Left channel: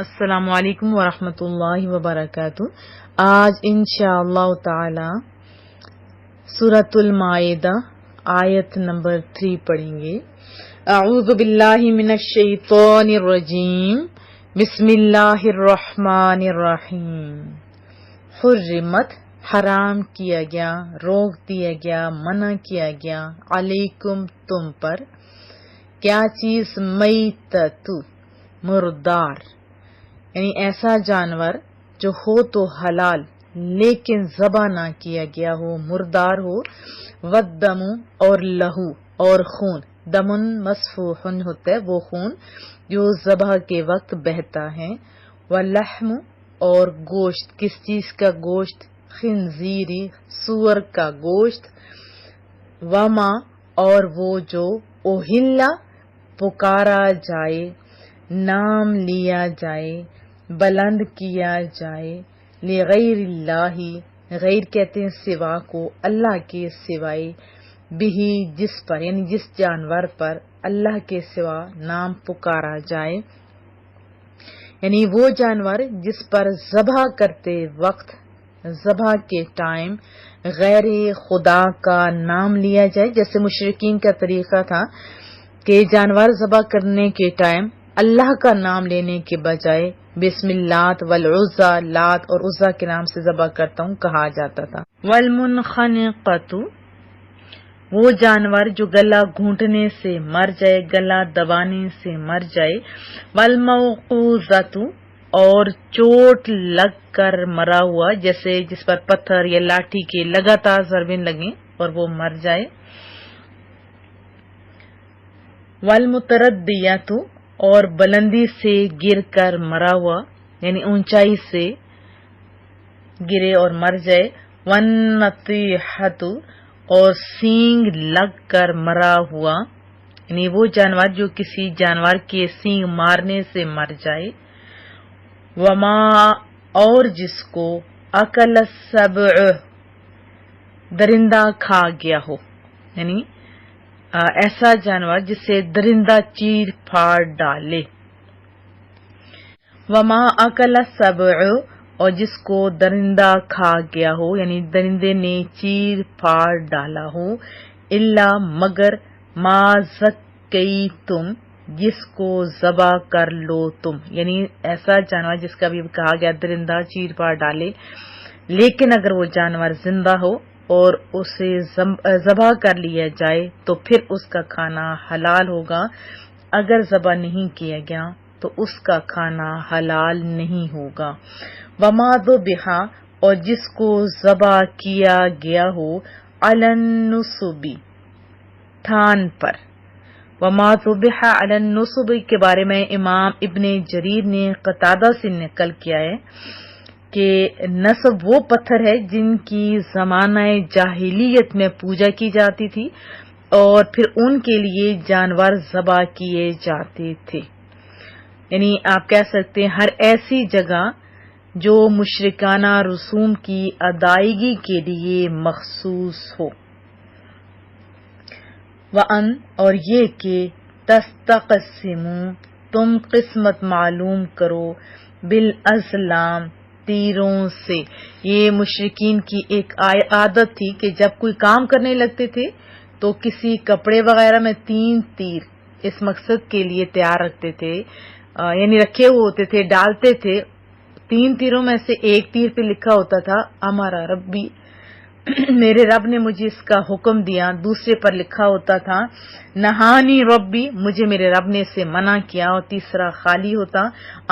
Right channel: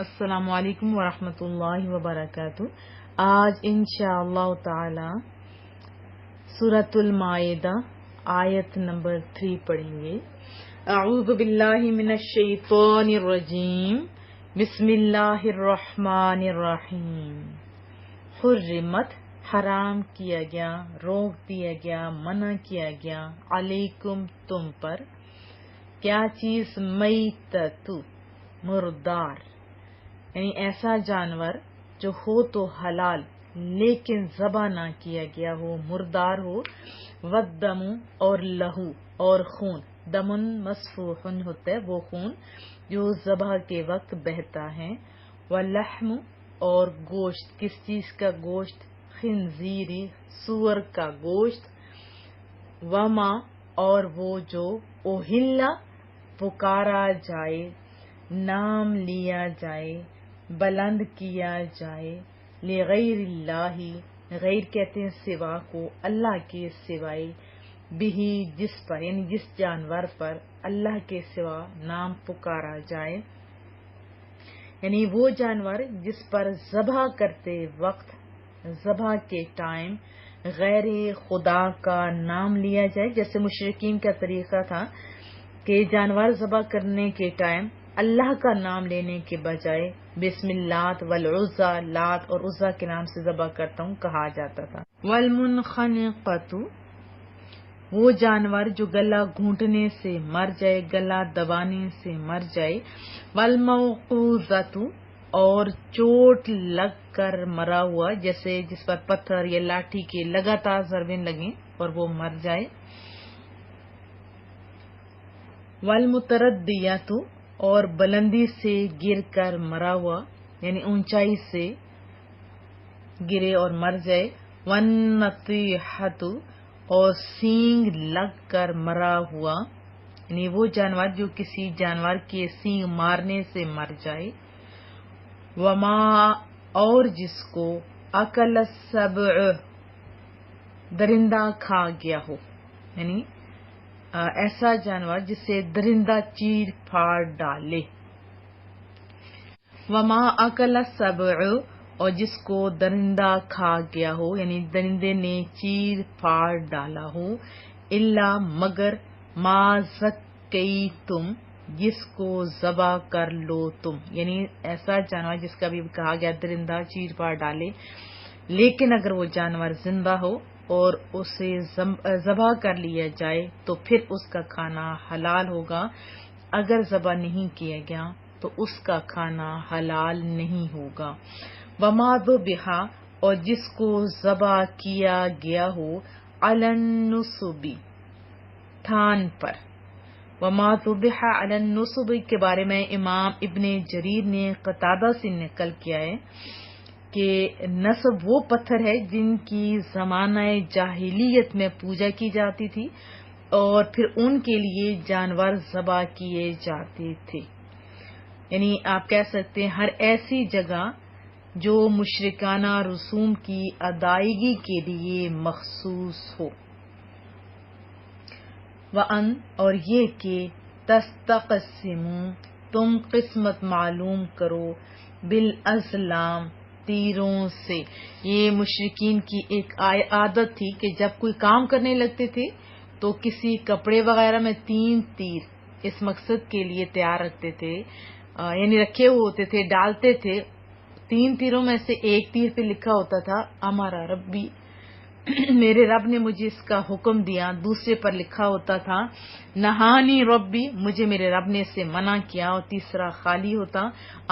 السلام علیکم ورحمۃ اللہ وبرکاتہ۔ آج انشاءاللہ تعالی سورۃ المائدہ آیت نمبر 3 پڑھیں گے۔ اعوذ باللہ من الشیطان الرجیم، بسم اللہ الرحمن الرحیم۔ حرمت حرام کیا گیا، روک دیا گیا، منع کیا گیا، علیکم تم پر، کیا چیز؟ میتۃ مردار، یعنی ایسا جانور جو ہو تو حلال لیکن ذبح نہ کیا گیا ہو، مردار ہو، والدم اور لہو اور خون، دمن مسفوح ہوتا ہے وہ خون جو ذبح کے وقت بہتا ہے، واللحم اور گوشت، کس چیز کا گوشت؟ خنزیری، سور کا گوشت، وما اور وہ جو اوہلا پکارا جائے، نام لیا جائے، بلند کیا جائے، لغیر اللہ، غیر کہتے ہیں سوا کو، اللہ کے سوائے، بھی جس پر، یعنی جس جانور پر اللہ کے سوا نام پکارا جائے، یعنی وہ جانور جس پر ذبح کرتے وقت، ذبح کے ٹائم غیر خدا کا نام لیا جائے۔ جیسے مشرکین کا طریقہ تھا کہ جانور ذبح کرنے کے ٹائم اللہ کا نام لینے کے بجائے بسم اللہ والعزى، لات اور عزا کے نام سے ذبح کرتا ہوں کہا جاتا تھا۔ والمنخنقۃ، وہ جانور جو گلا گھونٹنے سے مر جائے، گلا دبانے سے مر جائے، والموقوذۃ اور چوٹ لگ کر مرا ہوا، جیسے جس پر پتھر یا لاٹھی کے لگاتار ضربیں لگیں اور وہ مر جائے، والمتردیۃ اور بلندی سے گر کر مرا ہوا، یعنی اونچائی سے گرے اور مر جائے، والنطیحۃ اور سینگ لگ کر مرا ہوا، یعنی وہ جانور جو کسی جانور کے سینگ مارنے سے مر جائے، وما اور جس کو اکل السبع درندہ کھا گیا ہو، یعنی ایسا جانور جسے درندہ چیر پھاڑ ڈالے، وما اکل السبع اور جس کو درندہ کھا گیا ہو، یعنی درندے نے چیر پھاڑ ڈالا ہو، الا مگر ما زکیتم جس کو ذبح کر لو تم، یعنی ایسا جانور جس کا بھی کہا گیا درندہ چیر پھاڑ ڈالے، لیکن اگر وہ جانور زندہ ہو اور اسے ذبح کر لیا جائے تو پھر اس کا کھانا حلال ہوگا، اگر ذبح نہیں کیا گیا تو اس کا کھانا حلال نہیں ہوگا۔ وما ذبح اور جس کو ذبح کیا گیا ہو، علی النصب تھان پر، وما ذبح علی النصب کے بارے میں امام ابن جریر نے قتادہ سے نقل کیا ہے کہ نصب وہ پتھر ہے جن کی زمانہ جاہلیت میں پوجا کی جاتی تھی اور پھر ان کے لیے جانور ذبح کیے جاتے تھے، یعنی آپ کہہ سکتے ہیں ہر ایسی جگہ جو مشرکانہ رسوم کی ادائیگی کے لیے مخصوص ہو۔ وَأَن اور یہ کہ تستقسموا تم قسمت معلوم کرو، بالازلام تیروں سے، یہ مشرکین کی ایک عادت تھی کہ جب کوئی کام کرنے لگتے تھے تو کسی کپڑے وغیرہ میں 3 تیر اس مقصد کے لیے تیار رکھتے تھے، یعنی رکھے ہوئے ہوتے تھے، ڈالتے تھے، 3 تیروں میں سے ایک تیر پہ لکھا ہوتا تھا ہمارا ربی، میرے رب نے مجھے اس کا حکم دیا، دوسرے پر لکھا ہوتا تھا نہانی ربی، مجھے میرے رب نے اسے منع کیا، اور تیسرا خالی ہوتا،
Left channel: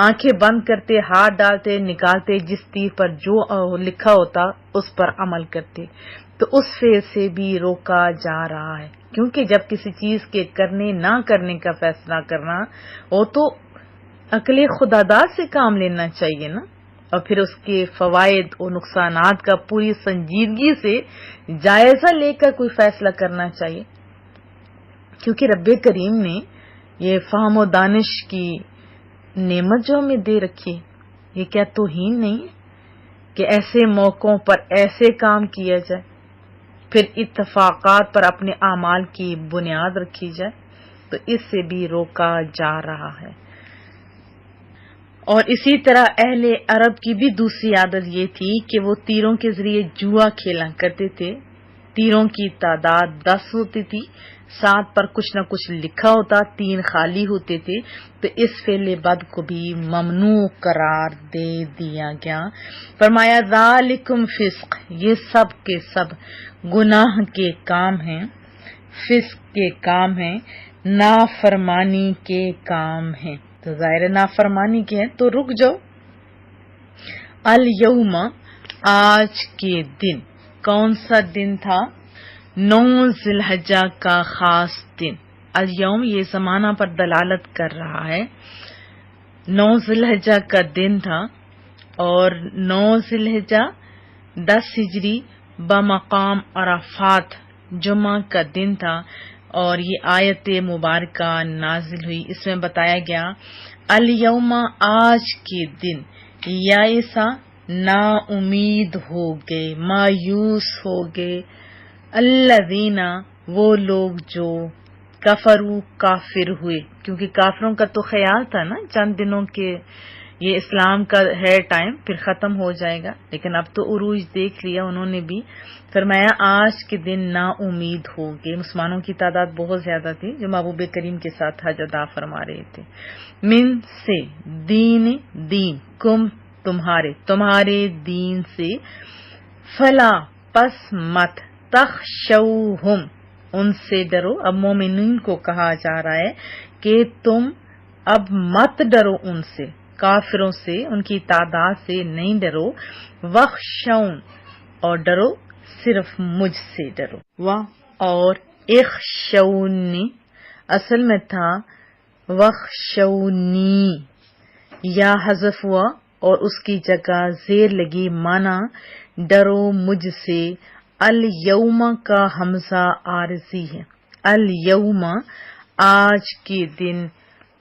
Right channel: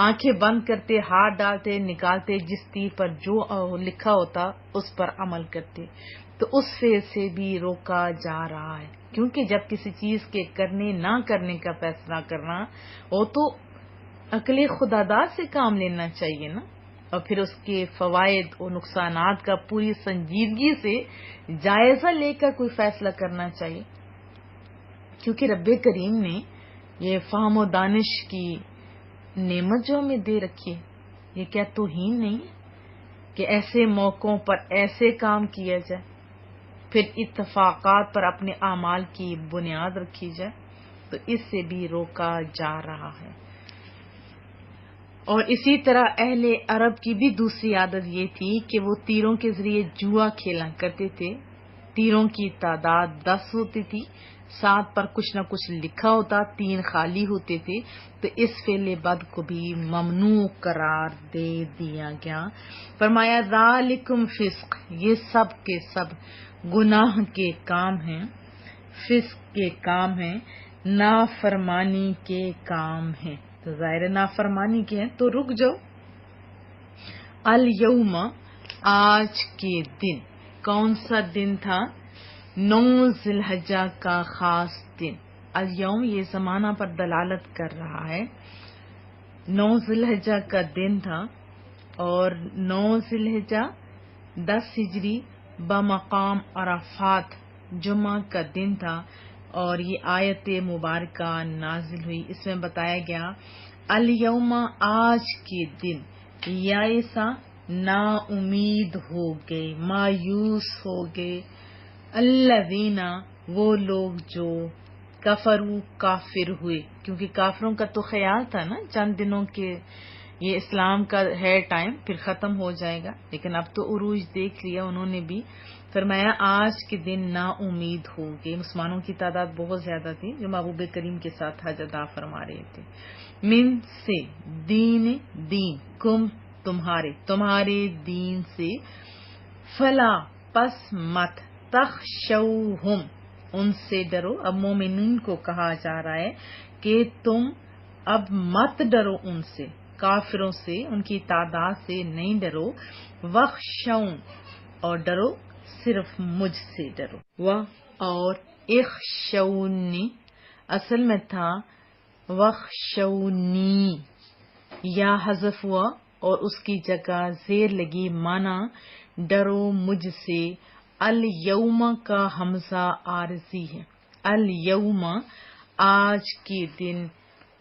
آنکھیں بند کرتے، ہاتھ ڈالتے، نکالتے، جس تیر پر جو لکھا ہوتا اس پر عمل کرتے، تو اس فعل سے بھی روکا جا رہا ہے، کیونکہ جب کسی چیز کے کرنے نہ کرنے کا فیصلہ کرنا ہو تو عقل خوددار سے کام لینا چاہیے نا، اور پھر اس کے فوائد اور نقصانات کا پوری سنجیدگی سے جائزہ لے کر کوئی فیصلہ کرنا چاہیے، کیونکہ رب کریم نے یہ فہم و دانش کی نعمت جو ہمیں دے رکھی ہے، یہ کیا توہین نہیں ہے کہ ایسے موقعوں پر ایسے کام کیا جائے، پھر اتفاقات پر اپنے اعمال کی بنیاد رکھی جائے، تو اس سے بھی روکا جا رہا ہے۔ اور اسی طرح اہل عرب کی بھی دوسری عادت یہ تھی کہ وہ تیروں کے ذریعے جوا کھیلا کرتے تھے. تیروں کی تعداد 10 ہوتی تھی، 7 پر کچھ نہ کچھ لکھا ہوتا، 3 خالی ہوتے تھے. تو اس فعل بد کو بھی ممنوع قرار دے دیا گیا. فرمایا ذالکم فسق، یہ سب کے سب گناہ کے کام ہیں، فسق کے کام ہیں، نافرمانی کے کام ہیں. تو ظاہر نافرمانی کے ہیں تو رک جاؤ. الیوم، آج کے دن. کون سا دن تھا؟ 9 ذی الحجہ کا خاص دن. الیوم یہ زمانہ پر دلالت کر رہا ہے. 9 ذی الحجہ کا دن تھا اور 9 ذی الحجہ 10 ہجری بمقام عرفات جمعہ کا دن تھا. اور یہ آیت مبارکہ نازل ہوئی. اس میں بتایا گیا الیوم، آج کے دن، یائسا نا امید ہو گئے، مایوس ہو گئے، الذین وہ لوگ جو کفروا کافر ہوئے. کیونکہ کافروں کا تو خیال تھا نا چند دنوں کے یہ اسلام کا ہے ٹائم، پھر ختم ہو جائے گا، لیکن اب تو عروج دیکھ لیا انہوں نے بھی. فرمایا آج کے دن نا امید ہو گئے. مسلمانوں کی تعداد بہت زیادہ تھی جو محبوب کریم کے ساتھ حج ادا فرما رہے تھے. من سے، دین، دین، کم تمہارے دین سے، فلا پس مت، تخشوہم ان سے ڈرو. اب مومنین کو کہا جا رہا ہے کہ تم اب مت ڈرو ان سے، کافروں سے، ان کی تعداد سے نہیں ڈرو. وخشون اور ڈرو صرف مجھ سے ڈرو. اور اخشونی اصل میں تھا وخشونی، یا حذف ہوا اور اس کی جگہ زیر لگی، مانا ڈرو مجھ سے. الیوم کا حمزہ عارضی ہے. الیوم آج کے دن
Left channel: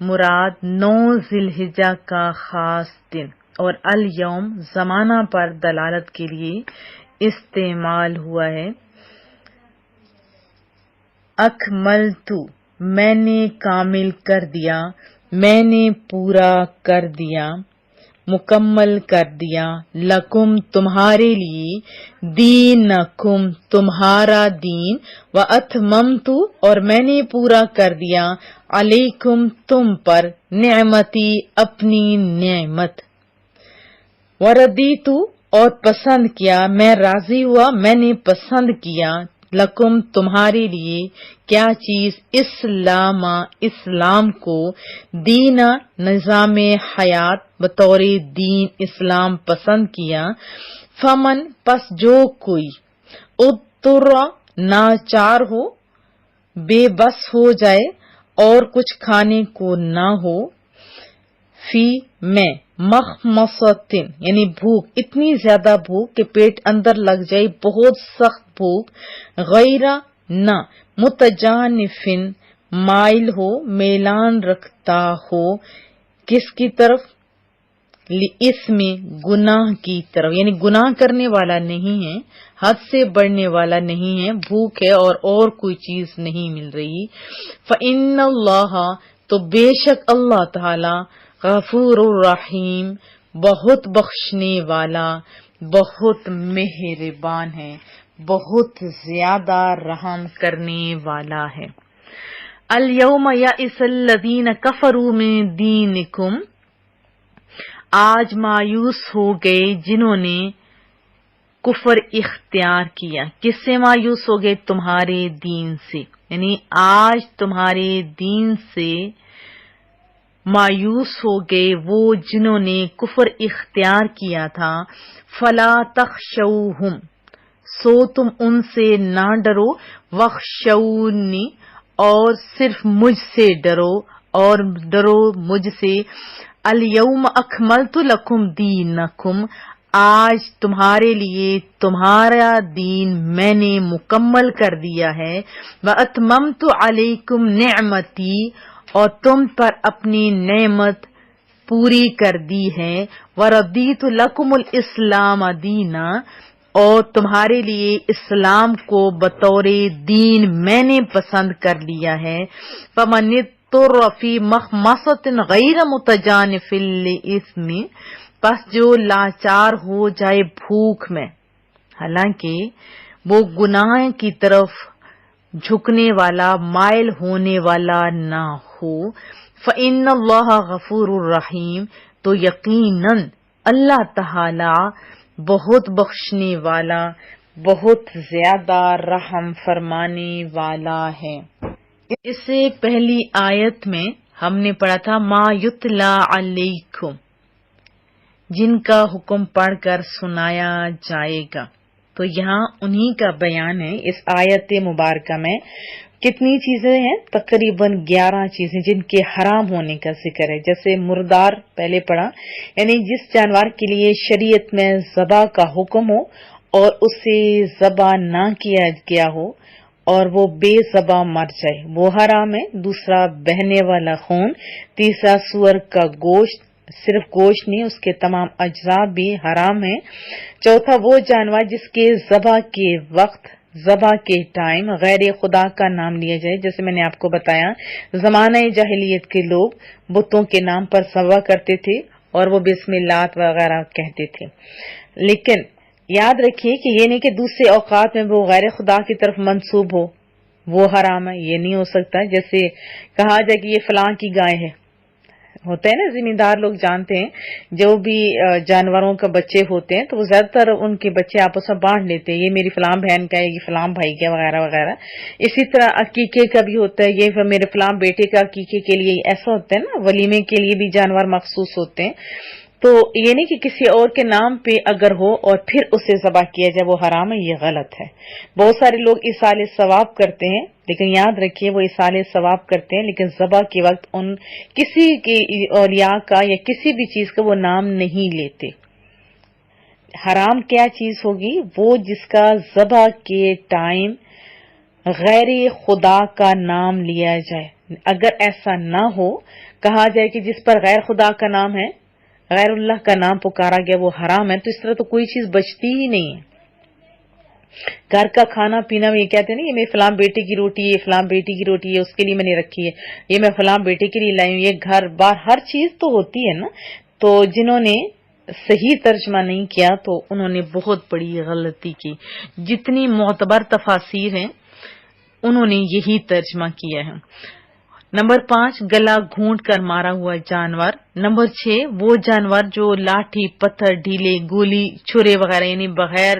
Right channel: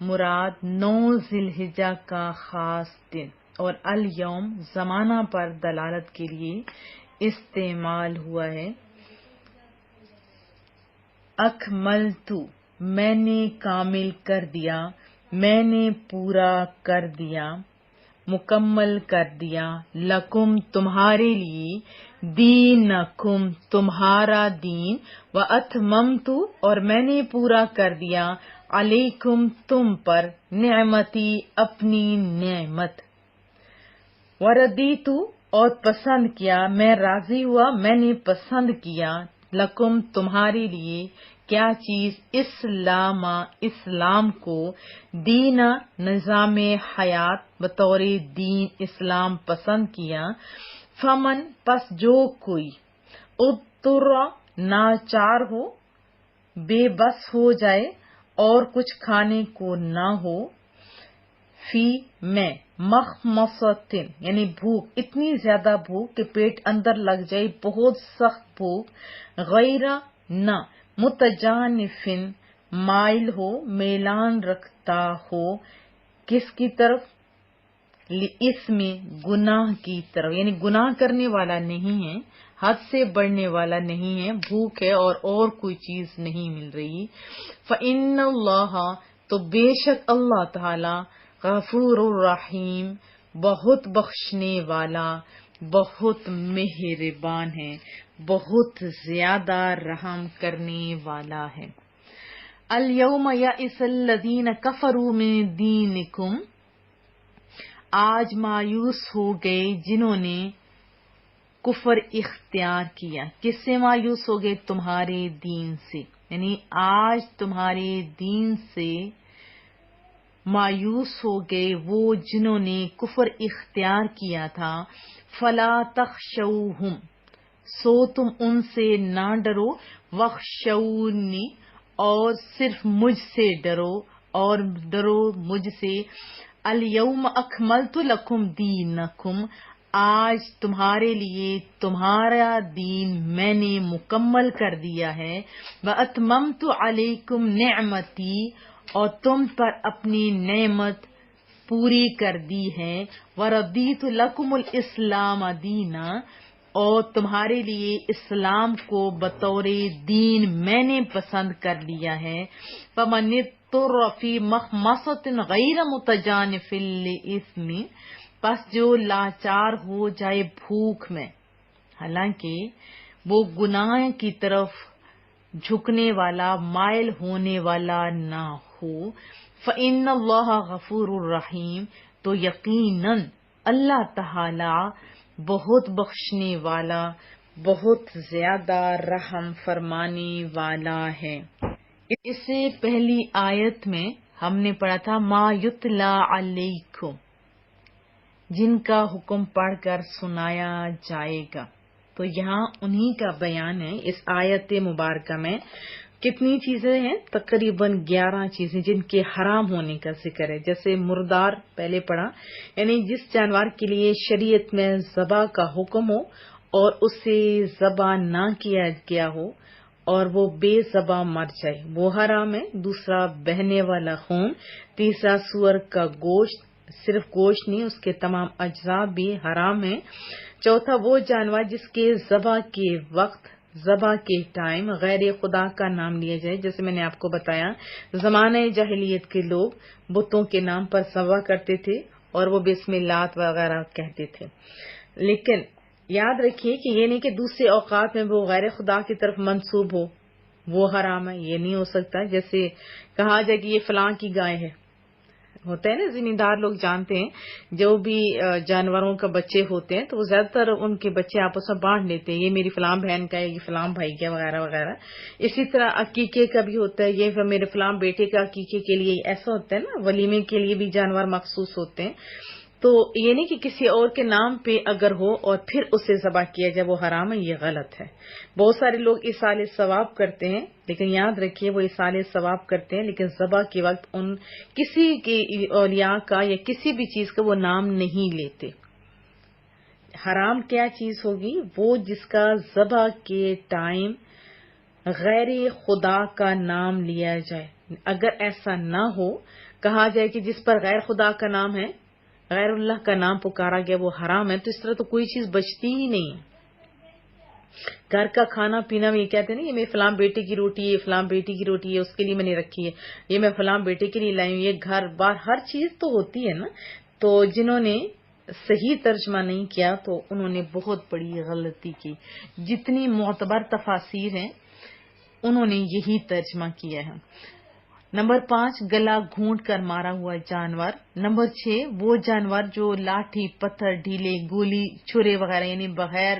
مراد 9 ذی الحجہ کا خاص دن. اور الیوم زمانہ پر دلالت کے لیے استعمال ہوا ہے. اکملت میں نے کامل کر دیا، میں نے پورا کر دیا، مکمل کر دیا. لکم تمہارے لیے، دینکم تمہارا دین، واتممت اور میں نے پورا کر دیا، علیکم تم پر، نعمتی اپنی نعمت. وردیت اور پسند کیا، میں راضی ہوا، میں نے پسند کیا، لکم تمہارے لیے، کیا چیز؟ اسلام کو، دینا نظام حیات بطور دین اسلام پسند کیا. فمن پس جو کوئی، اضطر ناچار ہو، بے بس ہو جائے اور کچھ کھانے کو نہ ہو، فی میں، مخمصتن یعنی بھوک، اتنی زیادہ بھوک کہ پیٹ اندر لگ جائے، بہت سخت بھوک، غیر نہ، متجانفن مائل ہو، میلان رکھتا ہو، کس کی طرف؟ لاسم گناہ کی طرف، یعنی گناہ کرنے والا نہیں ہے، حد سے بڑھنے والا نہیں ہے، بھوک ہے اور کوئی چیز نہیں مل رہی. فإن اللہ تو بے شک اللہ تعالی، غفور الرحیم بہت بخشنے والا، بہت مہربان ہے، بہت زیادہ رحم کرنے والا ہے. الیوم یئس الذین کفروا من دینکم، آج مایوس ہو گئے جنہوں نے کفر اختیار کیا. کس سے مایوس ہو گئے؟ تمہارے دین سے، یعنی آج تمہارے دین سے مایوس ہو گئے وہ جنہوں نے کفر اختیار کیا تھا. فلا تخشوہم سو تم ان سے نہ ڈرو، وخشونی اور صرف مجھ سے ڈرو، اور ڈرو مجھ سے. الیوم اکملت لکم دینکم، آج تمہارے لیے تمہارا دین میں نے مکمل کر دیا ہے. واتممت علیکم نعمتی اور تم پر اپنی نعمت پوری کر دی ہے. وردیت لکم الاسلام دینا اور تمہارے لیے اسلام کو بطور دین میں نے پسند کر لیا ہے. فمن مضطر فی مخمصۃ غیر متجانف لإثم، پس جو لاچار ہو جائے بھوک میں حالانکہ وہ گناہ کی طرف جھکنے والا مائل ہونے والا نہ ہو، فإن اللہ غفور الرحیم، تو یقیناً اللہ تعالی بہت بخشنے والا، بہت زیادہ رحم فرمانے والا ہے۔ اس سے پہلی آیت میں ہم نے پڑھا تھا ما یتلا علیکم، جن کا حکم پڑھ کر سنایا جائے گا، تو یہاں انہی کا بیان ہے۔ اس آیت مبارکہ میں کتنی چیزیں ہیں؟ تقریباً 11 چیزیں جن کے حرام ہونے کا ذکر ہے۔ جیسے مردار پہلے پڑھا، یعنی جس جانور کے لیے شریعت میں ذبح کا حکم ہو اور اسے ذبح نہ کیا گیا ہو اور وہ بے ذبح مر جائے، وہ حرام ہے۔ دوسرا بہنے والا خون۔ تیسرا سور کا گوشت، صرف گوشت نہیں، اس کے تمام اجزاء بھی حرام ہیں۔ چوتھا وہ جانور جس کے ذبح کے وقت، ذبح کے ٹائم غیر خدا کا نام لیا جائے، جیسے میں نے آپ کو بتایا زمانہ جاہلیت کے لوگ بتوں کے نام پر ذبح کرتے تھے اور وہ بسم اللہ وغیرہ کہتے تھے، لیکن یاد رکھیے کہ یہ نہیں کہ دوسرے اوقات میں وہ غیر خدا کی طرف منسوب ہو، وہ حرام ہے، یہ نہیں ہو سکتا۔ جیسے کہا جائے کہ یہ فلاں کی گائے ہے، ہوتا ہے نا، زمیندار لوگ جانتے ہیں جو بھی جانوروں کا بچے ہوتے ہیں تو وہ زیادہ تر ان کے بچے آپس میں بانٹ لیتے ہیں، یہ میری فلاں بہن کا ہے، یہ فلاں بھائی کا وغیرہ وغیرہ۔ اسی طرح عقیقے کا بھی ہوتا ہے، یہ میرے فلاں بیٹے کا عقیقے کے لیے ایسا ہوتا ہے نا، ولیمے کے لیے بھی جانور مخصوص ہوتے ہیں۔ تو یہ نہیں کہ کسی اور کے نام پہ اگر ہو اور پھر اسے ذبح کیا جائے وہ حرام ہے، یہ غلط ہے۔ بہت سارے لوگ ایصال ثواب کرتے ہیں، لیکن یاد رکھیے وہ ایصال ثواب کرتے ہیں لیکن ذبح کے وقت ان کسی کی اولیاء کا یا کسی بھی چیز کا وہ نام نہیں لیتے۔ حرام کیا چیز ہوگی؟ وہ جس کا ذبح کے ٹائم غیر خدا کا نام لیا جائے۔ اگر ایسا نہ ہو، کہا جائے کہ جس پر غیر خدا کا نام ہے، غیر اللہ کا نام پکارا گیا، وہ حرام ہے، تو اس طرح تو کوئی چیز بچتی ہی نہیں ہے۔ گھر کا کھانا پینا میں یہ کہتے ہیں نا، یہ میرے فلاں بیٹے کی روٹی ہے، یہ فلاں بیٹی کی روٹی ہے، اس کے لیے میں نے رکھی ہے، یہ میں فلاں بیٹے کے لیے لائی ہوں، یہ گھر بار ہر چیز تو ہوتی ہے نا۔ تو جنہوں نے صحیح ترجمہ نہیں کیا تو انہوں نے بہت بڑی غلطی کی۔ جتنی معتبر تفاسیر ہیں انہوں نے یہی ترجمہ کیا ہے۔ نمبر 5 گلا گھونٹ کر مارا ہوا جانور۔ نمبر 6 وہ جانور جو لاٹھی، پتھر، ڈھیلے، گولی، چھرے وغیرہ یعنی بغیر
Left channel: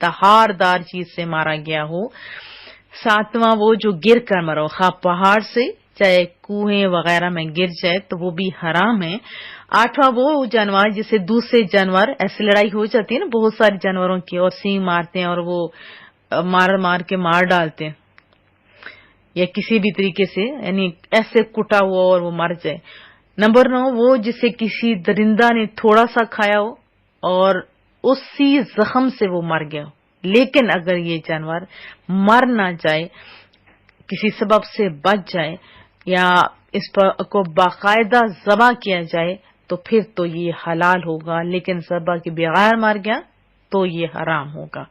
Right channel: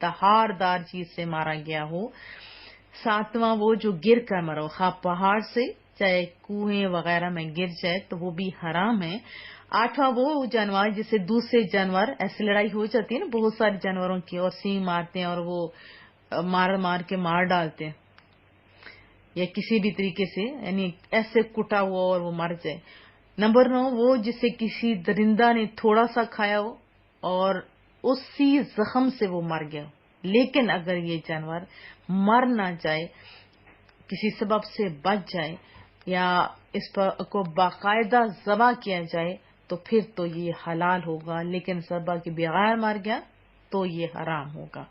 دھار دار چیز سے مارا گیا ہو۔ 7واں وہ جو گر کر مرا ہو، خواہ پہاڑ سے چاہے کنویں وغیرہ میں گر جائے تو وہ بھی حرام ہے۔ 8واں وہ جانور جسے دوسرے جانور، ایسی لڑائی ہو جاتی ہے نا بہت سارے جانوروں کی اور سینگ مارتے ہیں اور وہ مار کے مار ڈالتے ہیں یا کسی بھی طریقے سے، یعنی ایسے کٹا ہوا اور وہ مر جائے۔ نمبر 9 وہ جسے کسی درندہ نے تھوڑا سا کھایا ہو اور اسی زخم سے وہ مر گیا ہو، لیکن اگر یہ جانور مر نہ جائے، کسی سبب سے بچ جائے یا اس پر کو باقاعدہ ذبح کیا جائے تو پھر تو یہ حلال ہوگا، لیکن ذبح کے بغیر مر گیا تو یہ حرام ہوگا۔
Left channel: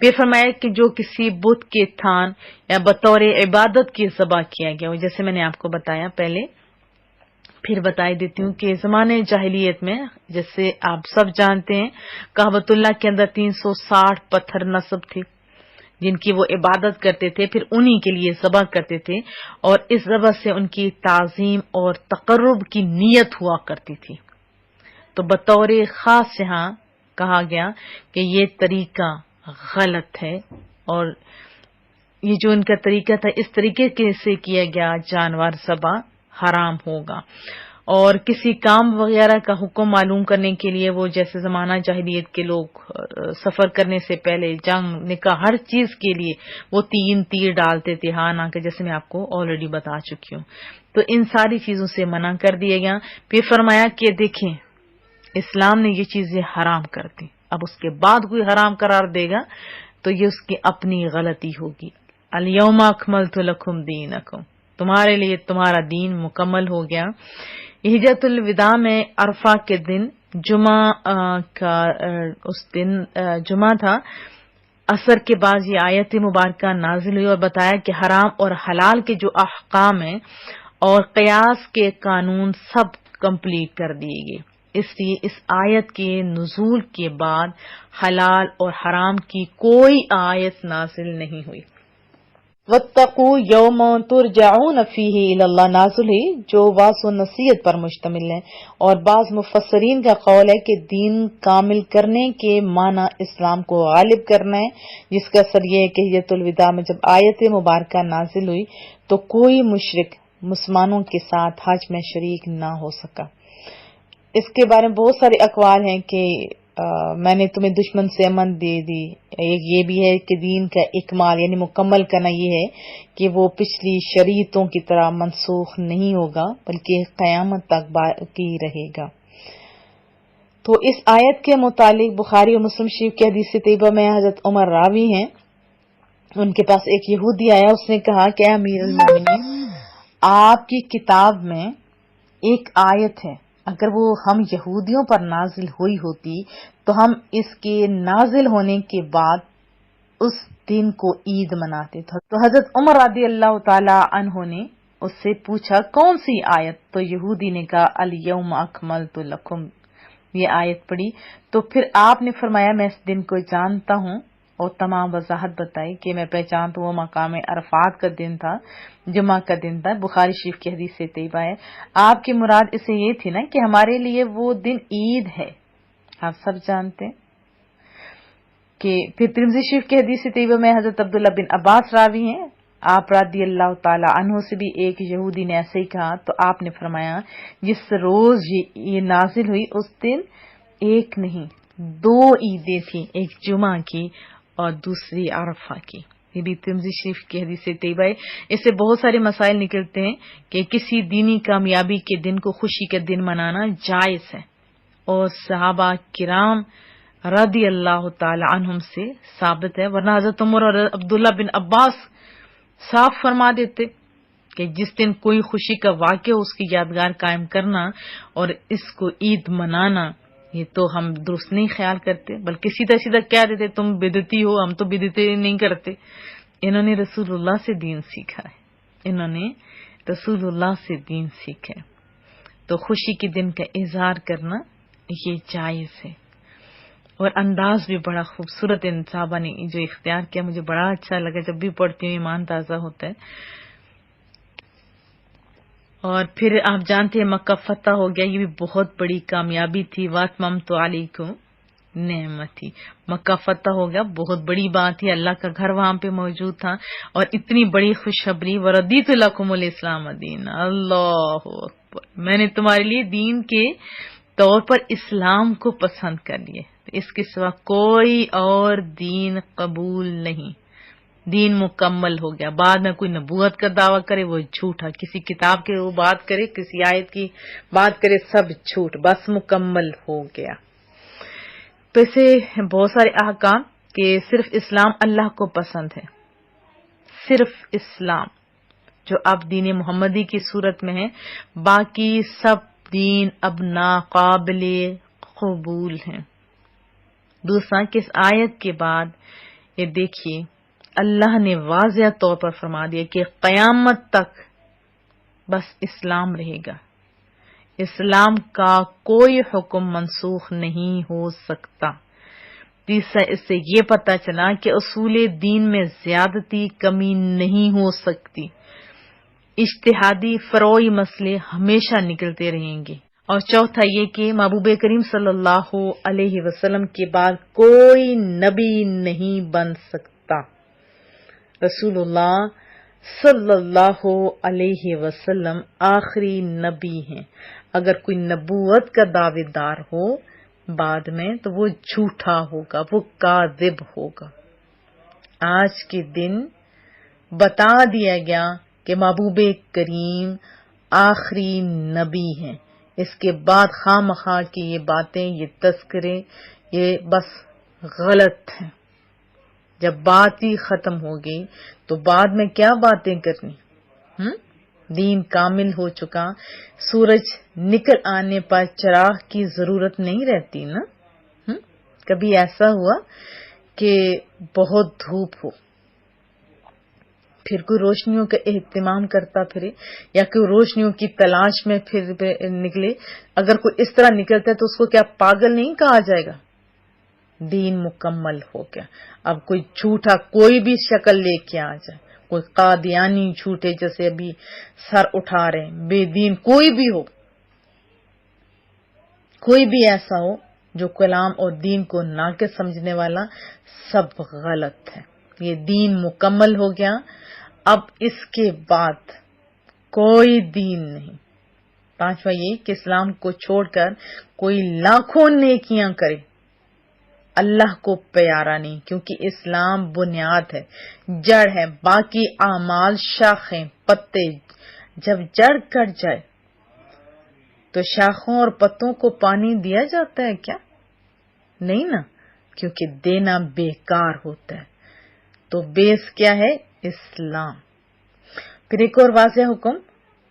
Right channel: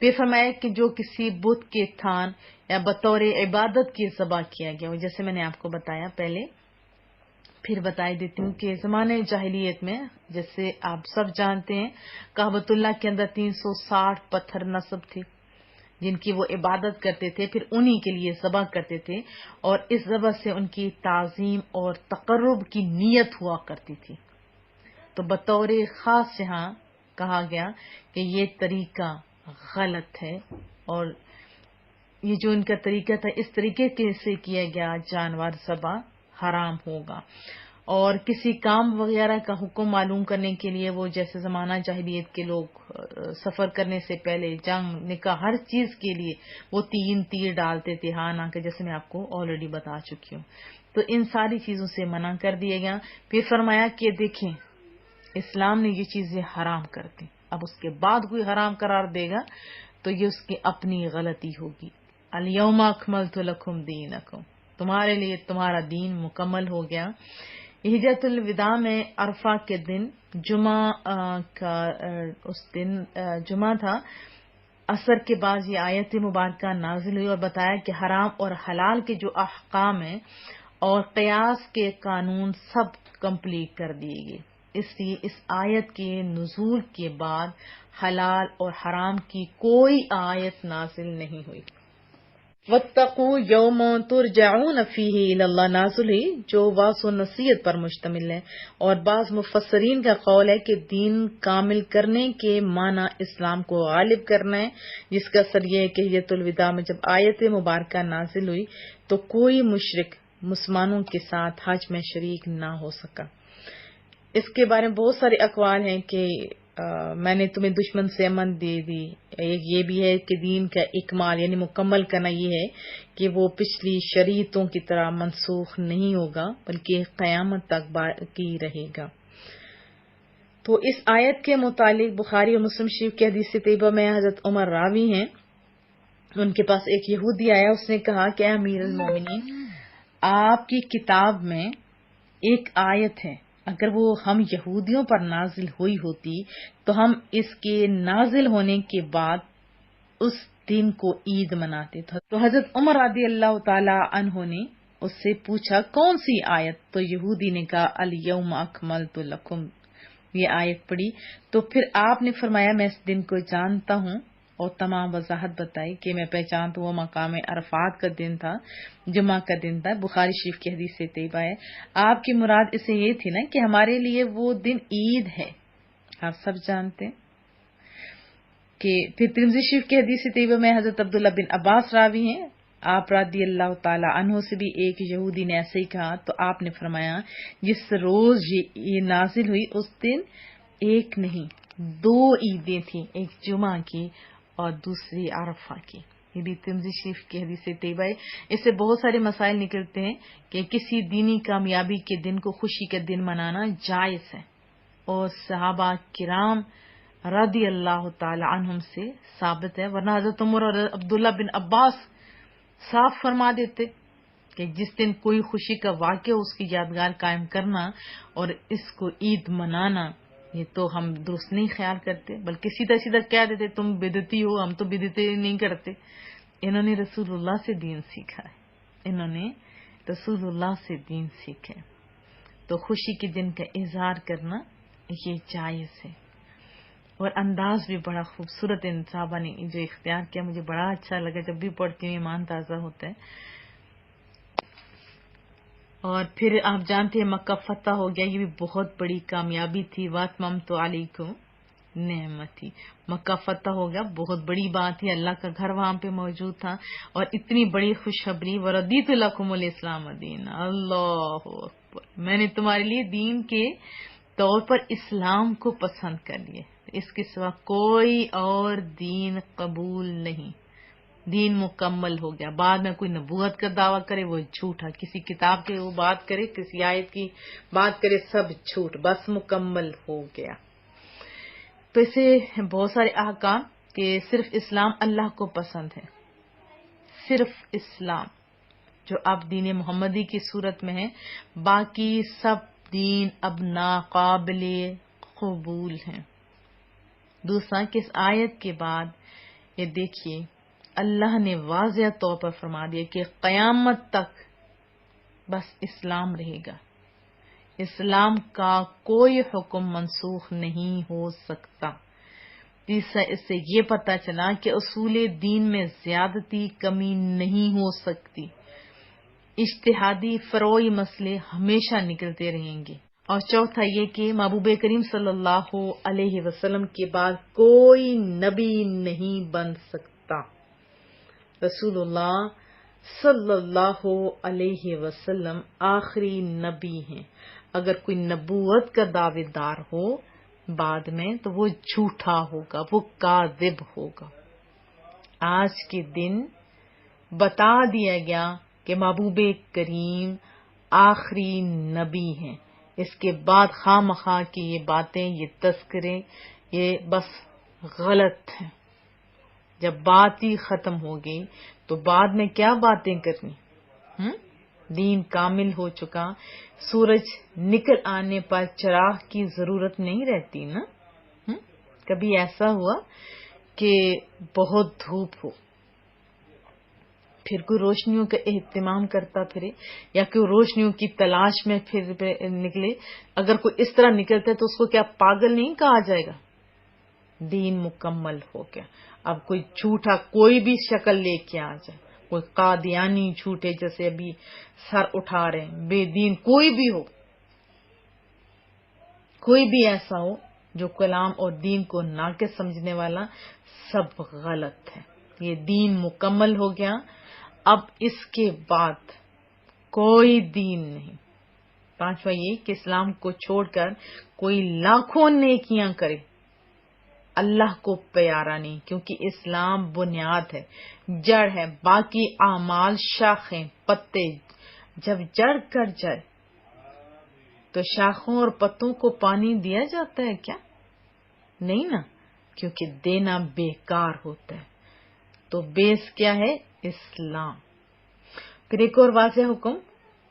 پھر فرمایا کہ جو کسی بت کے تھان یا بطور عبادت کی ذبح کیا گیا ہو، جیسے میں نے آپ کو بتایا پہلے، پھر بتائی دیتی ہوں کہ زمانے جاہلیت میں جیسے آپ سب جانتے ہیں کعبۃ اللہ کے اندر 360 پتھر نصب تھے جن کی وہ عبادت کرتے تھے، پھر انہی کے لیے ذبح کرتے تھے اور اس ذبح سے ان کی تعظیم اور تقرب کی نیت ہوا کرتی تھی۔ تو بطور خاص یہاں کہا گیا کہ یہ طریقہ غلط ہے اور یہ جو ان کا طریقہ تھا اس طریقے سے کیا گیا جانور ذبح حرام ہوگا۔ اور کسی کام وغیرہ کا حکم معلوم کرنے کے لیے وہ جیسے زمانہ جاہلیت کے لوگ سفر کرنے سے پہلے جنگ، نکاح، ہر چیز کے لیے وہ 3 تیر ڈالتے تھے ہاں نہ کہ، جیسے میں آپ کو آلریڈی بتا چکی ہوں۔ تو ان ساری چیزوں سے منع کر دیا گیا۔ پھر فرمایا کہ دیکھیں اسلام نے یہ چیزیں حرام کر دی، اب اس کے بعد کوئی حرام قرار دے گا تو یہ اس کی اپنی غلطی ہوگی۔ الیوم اکملت لکم دینکم، تمہارے لیے تمہارا دین مکمل ہو گیا۔ حجۃ الوداع میں عرفہ کے دن جمعہ کا اس دن جمعہ تھا، عصر کے بعد یہ آیت مبارکہ نازل ہوئی اور بتایا کہ حرام اور حلال کے جو احکام ہیں اور قیاس کے قانون سب کمپلیٹ کر دیے گئے. اس لیے اس آیت کے نزول کے بعد حلال اور حرام کی کوئی آیت نازل نہیں ہوئی. واتقوا یوم ترجعون فیہ الی اللہ نازل ہوئی جو واضح و نصیحت پر مشتمل ہے. اور بعض مفسرین کا قول ہے کہ دین کامل کرنے کے معنی اسلام کو غالب کرنا ہے، جس کا اثر یہ ہے کہ حجۃ الوداع میں جب آیت مبارکہ نازل ہوئی تو کوئی مشرک مسلمانوں کے ساتھ حج میں شریک نہ ہو سکا. اس کے بارے میں بہت سارے اقوال ہیں کہ میں نے تمہیں دشمن سے امن دے دی. ایک یہ بھی ہے کہ دین کا اکمال یعنی مکمل کرنا یہ ہے کہ وہ پچھلی شریعتوں کی طرح منسوخ نہیں ہوگا بلکہ قیامت تک باقی رہے گا. تو اس آیت کے متعلق بخاری اور مسلم شریف کی حدیث طیبہ میں حضرت عمر راوی ہیں، ان کے پاس ایک یہودی آیا، اس نے کہا کہ امیر المومنین آپ کی کتاب میں ایک آیت ہے، اگر وہ ہم یہودیوں پر نازل ہوئی ہوتی تو ہم اس کے نازل ہونے کے بعد اس دن کو عید مناتے تھے. تو حضرت عمر رضی اللہ تعالی عنہ نے اس سے پوچھا کون سی آیت؟ تو یہودی نے کہا الیوم اکملت لکم، یہ آیت پڑھی. تو پھر آپ نے فرمایا میں اس دن کو جانتا ہوں، اور تمام وضاحت بتائی کہ میں پہچانتا ہوں وہ مقام عرفات کا دن تھا، جمعہ کا دن تھا. بخاری شریف کی حدیث سے طیبہ ہے. آپ کی مراد اسے یہ تھی نا کہ ہمارے لیے وہ دن عید ہے، آپ سب جانتے ہیں. کہ پھر ترمذی شریف کی حدیث سے طیبہ میں حضرت عبداللہ بن عباس راوی ہیں، آپ رضی اللہ تعالی عنہ سے بھی ایک یہودی نے ایسے ہی کہا. تو آپ نے فرمایا جس روز یہ نازل ہوئی اس دن ایک نہیں 2 عیدیں تھیں، ایک جمعہ کی اور دوسری عرفہ کی. یہ بھی ترمذی شریف کی حدیث سے طیبہ ہے. اس سے بہت سارے مسائل نکلتے ہیں کہ کسی دینی کامیابی کے دن کو خوشی کا دن منانا جائز ہے، اور صحابہ کرام رضی اللہ تعالی عنہم سے ثابت ہے. ورنہ حضرت عمر اور عبداللہ بن عباس صاف فرما دیتے کہ جس دن کوئی خوشی کا واقعہ ہو اس کی یادگار قائم کرنا اور اس کو عید منانا یہ تو ہم درست نہیں خیال کرتے، بلکہ سیدھا سیدھا کہہ دیتے تم بدعتی ہو، ہم تو بدعتیں نہیں کرتے. انہوں نے رسول اللہ سے دین سیکھا ہے، انہوں نے رسول اللہ سے دین سیکھا ہے. تو خوشی کے دن کا اظہار کرنا یہ جائز ہے. اور انداز بھی بڑا خوبصورت ان صحابہ نے جو اختیار کیا، مجھے بڑا اچھا لگا، جب بھی پڑھتی ہوں ایمان تازہ ہوتا ہے. اور پھر آپ جانتے ہیں مکہ فتح ہو گیا، یہ بھی بہت بڑی کامیابی تھی. واتممت علیکم نعمتی، مکہ فتح ہو گیا، بہت بڑی بات تھی. اللہ کا گھر وہاں پہ موجود تھا اور اتنی بڑی خوشخبری، وردیت لکم الاسلام دین. اللہ اکبر، میں نے تمہارے لیے دین کے طور پر اسلام کو پسند کر لیے، اس کے سوا کوئی اور دین قبول نہیں. دین مکمل ہو گیا. بعد میں کوئی نبوت کا دعویٰ کرے وہ جھوٹا، کسی کتاب کی وہ بات کرے، کسی آیت کی بات کرے، سب جھوٹ. بس مکمل ہو گیا. تو اسے بہت سارے احکام کہ صرف اسلام اللہ کو پسند ہے، صرف اسلام جو اب دین محمدی کی صورت میں ہے، باقی سب دین اب ناقابل قبول ہیں. دوسرا کہ اس آیت کے بعد یہ دیکھیے اللہ نے واضح طور پر فرما دیا کہ قیامت تک بس اسلام رہے گا، اسلام کا کوئی حکم منسوخ نہیں ہو سکتا. تیسرا اس سے یہ پتہ چلا کہ اصول دین میں زیادتی کمی نہیں ہو سکتی، اجتہادی فروعی مسئلے ہمیشہ نکلتے رہیں گے. اور چوتھا یہ کہ محبوب کریم صلی اللہ علیہ وسلم کے بعد کوئی نبی نہیں بن سکتا. رسول اللہ صلی اللہ علیہ وسلم آخری نبی ہیں. اگر کوئی نبوت کا دعوے دار ہو بعد میں تو وہ جھوٹا ہوگا، وہ کاذب ہوگا. آج کے دن بتا دیا گیا کہ محبوب کریم آخری نبی ہیں. اس کے بعد خواہ مخواہ کی یہ باتیں، یہ تذکرے، یہ بس غلط ہیں. جب بات ہی ختم ہو گئی تو بعد میں کیا باتیں کرنی؟ دین کامل ہو چکا، سورج نکل آنے پر چراغ کی ضرورت نہیں رہتی نا. کبھی ایسا ہوا کہ بہت دھوپ ہو پھر کوئی روشنیوں کا اہتمام کرتا پھرے یا کوئی روشنیوں کی تلاش میں پھر نکلے، اگر کوئی اس طرح نکلتا ہے تو اس کو کیا پاگل نہیں کہا جائے گا؟ دین مکمل ہو گیا۔ اب کوئی جھوٹا کوئی بھی شکل لے کے آ جائے، کوئی قادیانی جھوٹے جیسے ابھی سر اٹھا رہے ہیں، بے دین کوئی بھی ہو، کوئی بھی ایسا ہو جو کلام اور دین کو ناقص سمجھنے والا، سب غلط ہے۔ یہ دین مکمل ہو گیا، اب اس کے بعد کوئی دین نہیں۔ پانچواں یہ کہ اسلام کو چھوڑ کر کوئی لاکھوں نیکیاں کرے، اللہ کو پیارا نہیں، کیونکہ اسلام بنیاد ہے، جڑ ہے، باقی اعمال شاخیں پتے۔ جب جڑ کٹ جائے تو شاخوں اور پتوں کو پانی دیا جاتا ہے کیا؟ نہیں نا، کیونکہ دینا بیکار ہوتا ہے۔ تو بیس کیا ہے؟ اسلام۔ پھر ایک اور واضح حکم،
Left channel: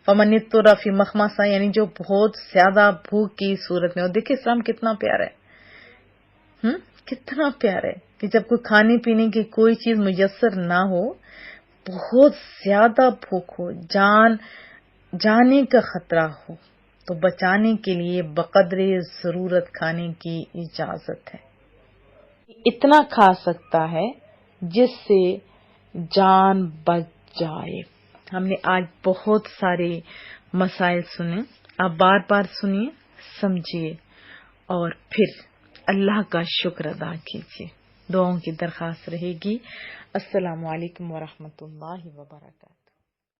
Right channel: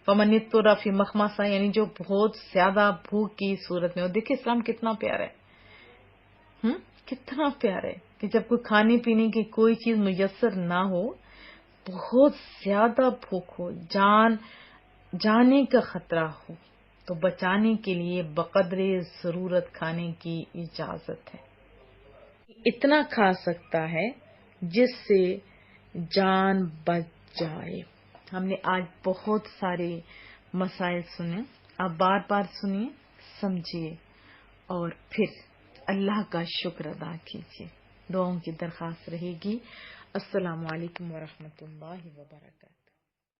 فمن اضطر فی مخمصہ، یعنی جو بہت زیادہ بھوک کی صورت میں ہو۔ دیکھیں اسلام کتنا پیارا ہے، کتنا پیارا ہے کہ جب کوئی کھانے پینے کی کوئی چیز میسر نہ ہو، بہت زیادہ بھوک ہو، جانے کا خطرہ ہو، تو بچانے کے لیے بقدر ضرورت کھانے کی اجازت ہے۔ اتنا کھا سکتا ہے جس سے جان بچ جائے۔ ہم نے آج بہت سارے مسائل سنے، آپ بار بار سنیے، سمجھیے اور پھر اللہ کا شکر ادا کیجیے۔ دعاؤں کی درخواست رہے گی۔ السلام علیکم ورحمۃ اللہ وبرکاتہ۔